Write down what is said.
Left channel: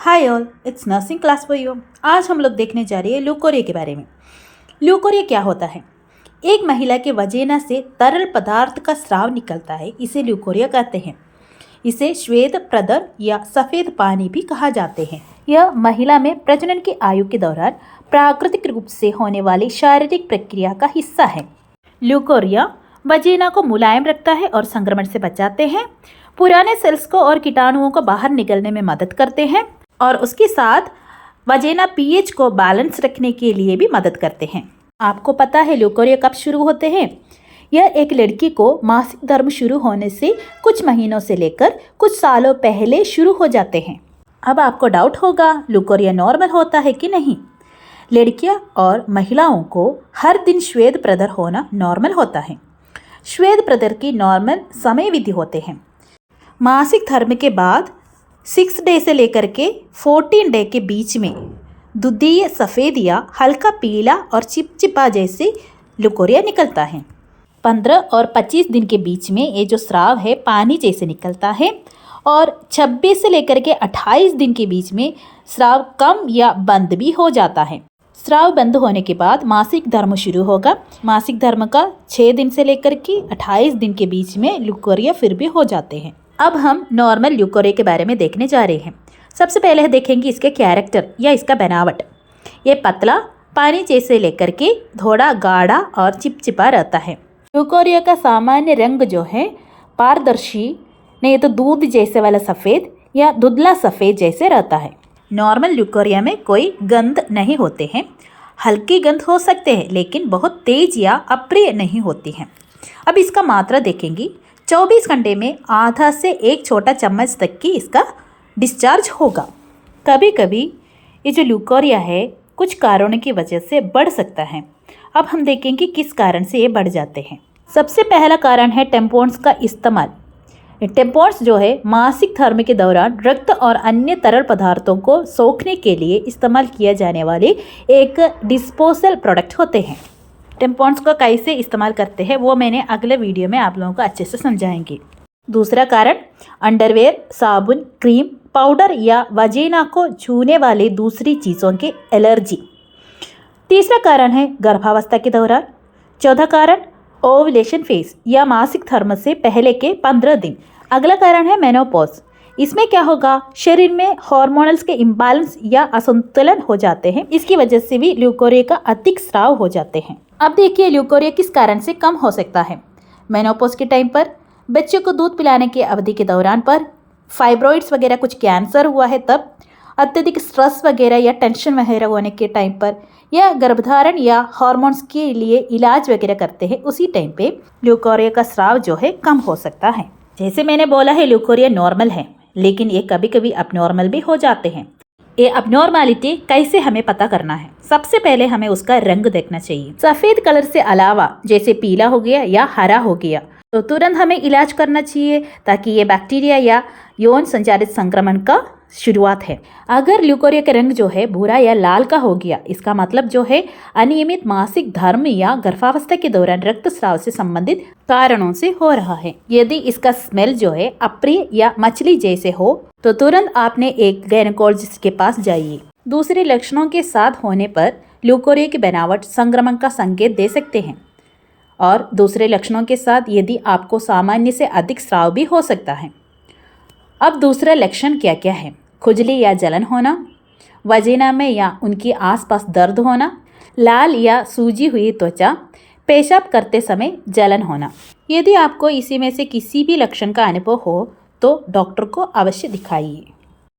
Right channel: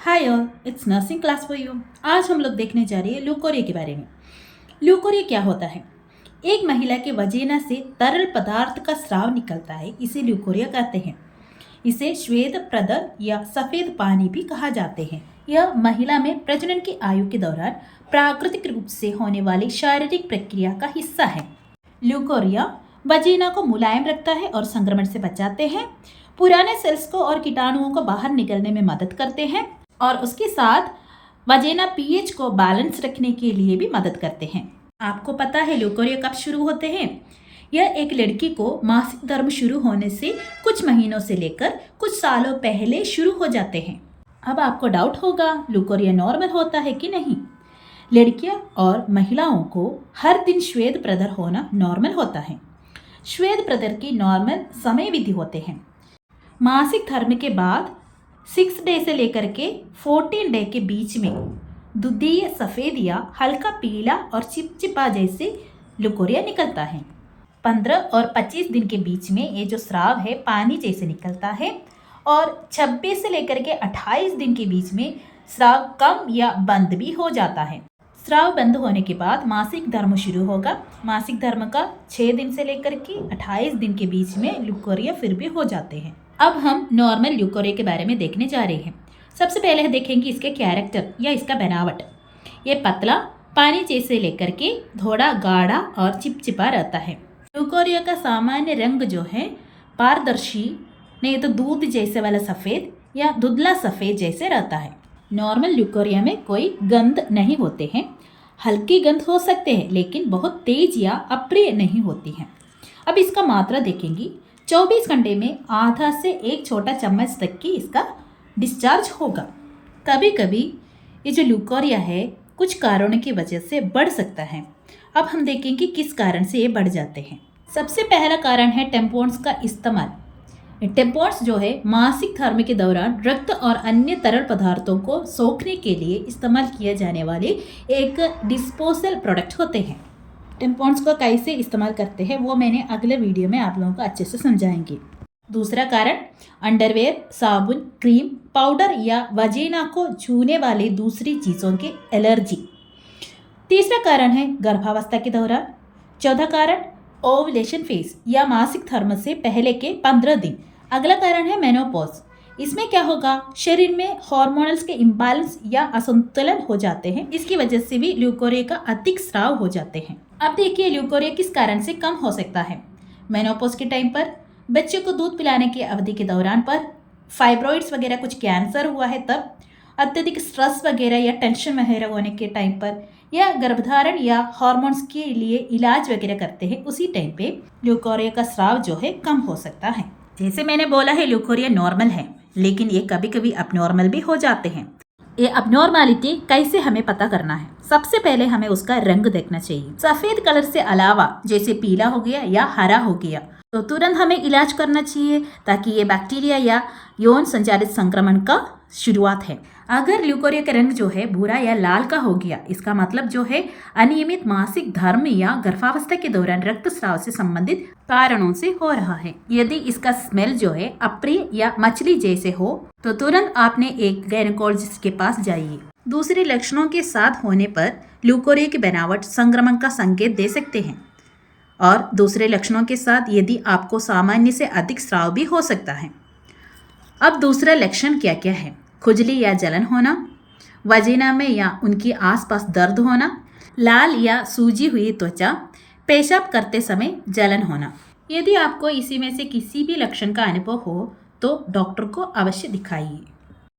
Hi all, it's nursing class for you. आज हम लोग देखने जा रहे हैं ल्यूकोरिया के बारे में। ल्यूकोरिया क्या होता है? एक महिला के वजीना से तरल पदार्थ का स्राव निकलता है, इसे ल्यूकोरिया कहते हैं। इसे श्वेत प्रदर या सफ़ेद पानी भी कहा जाते हैं। यह महिला में प्रजनन की आयु के दौरान प्राकृतिक रूप से होने वाली शारीरिक प्रक्रिया का हिस्सा है। ल्यूकोरिया वजीना को मुलायम रखता है और संक्रमण से बचाते हैं। पुराने सेल्स को और कीटाणुओं को बाहर निकलने में मदद करते हैं और उसके साथ वजीना पीएच को बैलेंस रखने के लिए भी मदद करते हैं। आपको पता है ल्यूकोरिया कब शुरू होते हैं? यह एक लड़की को मासिक धर्म शुरू होने से कुछ महीनों से लेकर कुछ सालों पहले शुरू हो जाते हैं। अब आपको डाउट होगा, ल्यूकोरिया नॉर्मल होता है कि नहीं? लड़कियां और महिलाओं को हर दिन श्वेत प्रदर होना नॉर्मल होता है। श्वेत प्रदर की नॉर्मल समय विधि होते हैं। मासिक धर्म के बाद 6 डे से लेकर के 14 डे के बीच में दुधीय सफ़ेद या हल्का पीला और चिपचिपा जैसे ल्यूकोरिया निकलता है। 15 और 25 दिन के बीच में ये जो स्राव है पानी जैसे निकलता है और 26 से लेकर के 28 दिन के बीच में स्राव कम या बंद भी हो जाता है। स्राव बंद होने के बाद मासिक धर्म शुरू होगा। मासिक धर्म का 6 दिन से लेकर के 28 दिन के बीच में ल्यूकोरिया फिर भी हो जाते हैं। अब हम नॉर्मल ल्यूकोरिया के बारे में देखने जा रहे हैं। सबसे पहले देखेंगे इसके कैरेक्टर या इसका बनावट। ये पतला पानी जैसे लेकर के थोड़ा गाढ़ा और चिपचिपा रहता है। ल्यूकोरिया का सामान्य रंग जो है पारदर्शी, नहीं तो दूध जैसे वाला सफ़ेद या धुंधला सफ़ेद जैसे रहता है। नॉर्मल ल्यूकोरिया में कोई गंध नहीं होते हैं। हल्की गंध हो सकते हैं लेकिन बहुत तेज या अप्रिय नहीं होती हैं। अब इसका मात्रा देखेंगी। 24 घंटे में आधा से 1 छोटा चम्मच तक की इसका डिस्चार्ज होगा। कभी कभी ये जो ल्यूकोरिया है कुछ कारणों की वजह से बढ़ सकता है। अब हम देखेंगे किस कारण से ये बढ़ जाते हैं। सबसे पहला कारण है टेम्पॉन्स का इस्तेमाल। टेम्पॉन्स जो है मासिक धर्म के दौरान रक्त और अन्य तरल पदार्थों को सोखने के लिए इस्तेमाल किया जाने वाले एक डिस्पोजल प्रोडक्ट होते हैं। टेम्पॉन्स को कैसे इस्तेमाल करते हैं वो मैंने अगले वीडियो में आप लोगों को अच्छे से समझाएंगे। दूसरा कारण अंडरवेयर, साबुन, क्रीम, पाउडर या वजीना को छूने वाली दूसरी चीज़ों की एलर्जी। तीसरा कारण है गर्भावस्था के दौरान। चौथा कारण ओवुलेशन फेज या मासिक धर्म से पहले के 15 दिन। अगला कारण है मेनोपॉज। इसमें क्या होगा, शरीर में हार्मोनल्स के इम्बैलेंस या असंतुलन हो जाते हैं। इसकी वजह से भी ल्यूकोरिया का अधिक स्राव हो जाते हैं। अब देखिए ल्यूकोरिया किस कारण से कम हो सकता है। मेनोपॉज के टाइम पर, बच्चे को दूध पिलाने की अवधि के दौरान पर, फाइब्रॉइड्स वगैरह कुछ कैंसर हुआ है तब, अत्यधिक स्ट्रेस वगैरह या टेंशन वगैरह होने के टाइम पर, या गर्भधारण या हार्मोन्स के लिए इलाज वगैरह करते हैं उसी टाइम पे ल्यूकोरिया का स्राव जो है कम हो सकता है। जैसे मैंने बोला है ल्यूकोरिया नॉर्मल है लेकिन ये कभी कभी अबनॉर्मल भी हो जाते हैं। ये अबनॉर्मलिटी कैसे हमें पता करना है? सबसे पहले हमें उसका रंग देखना चाहिए। सफ़ेद कलर से अलावा जैसे पीला हो गया या हरा हो गया तो तुरंत हमें इलाज करना चाहिए ताकि ये बैक्टीरिया या यौन संचालित संक्रमण का शुरुआत है। अगर ल्यूकोरिया का रंग जो है भूरा या लाल का हो गया, इसका मतलब जो है अनियमित मासिक धर्म या गर्भावस्था के दौरान रक्तस्राव से संबंधित कारणों से हो रहा है। यदि इसका स्मेल जो है अप्रिय या मछली जैसे हो तो तुरंत आपने एक गायनेकोलॉजिस्ट के पास जाइए। दूसरे लक्षणों के साथ होने पर ल्यूकोरिया की बनावट संक्रमण का संकेत दे सकते हैं और दूसरे लक्षणों के साथ यदि आपको सामान्य से अधिक स्राव भी हो सकता है। अब दूसरा लक्षण क्या क्या है? खुजली या जलन होना, वजीना में या उनके आसपास दर्द होना, लाल या सूजी हुई त्वचा, पेशाब करते समय जलन होना। यदि आपको इसी में से किसी भी लक्षण का अनुभव हो तो डॉक्टर को अवश्य दिखाइए।